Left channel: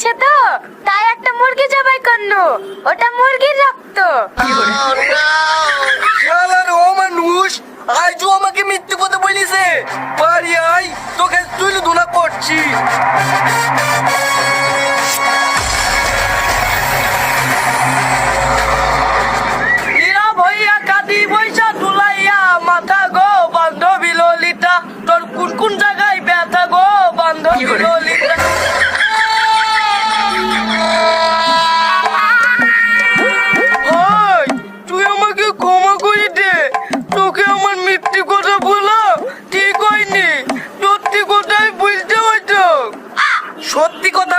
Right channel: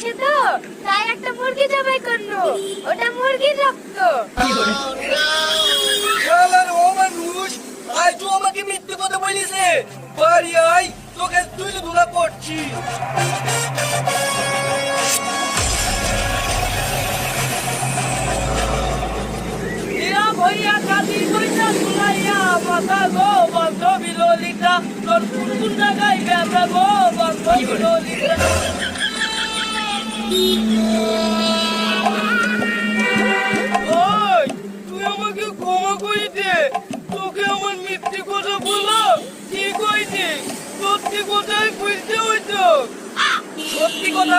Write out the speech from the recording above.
আসছে তো তাই একটা মুরগি জবাই করলো। ওটা মুরগির রক্ত। শালার ও মানুষ আজও আমাকে মিথ্যে কথা বলিছে। বাড়ি আই, তোকে তুই ধুলা করছি। ইয়া ভইয়া কাটি বইছা তুলাইয়া মাথা গো বান্ধবী ললিতা, তোর কোন কোন জায়গায় ব্যথা গো বান্ধবী ললিতা। ওই তুই আমাকে ক্ষমা করে দে, তোকে আমার মিথ্যে কথা বলা ঠিক হয়নি। সত্যি কথাই বলতে হয়তো। সত্যি কথা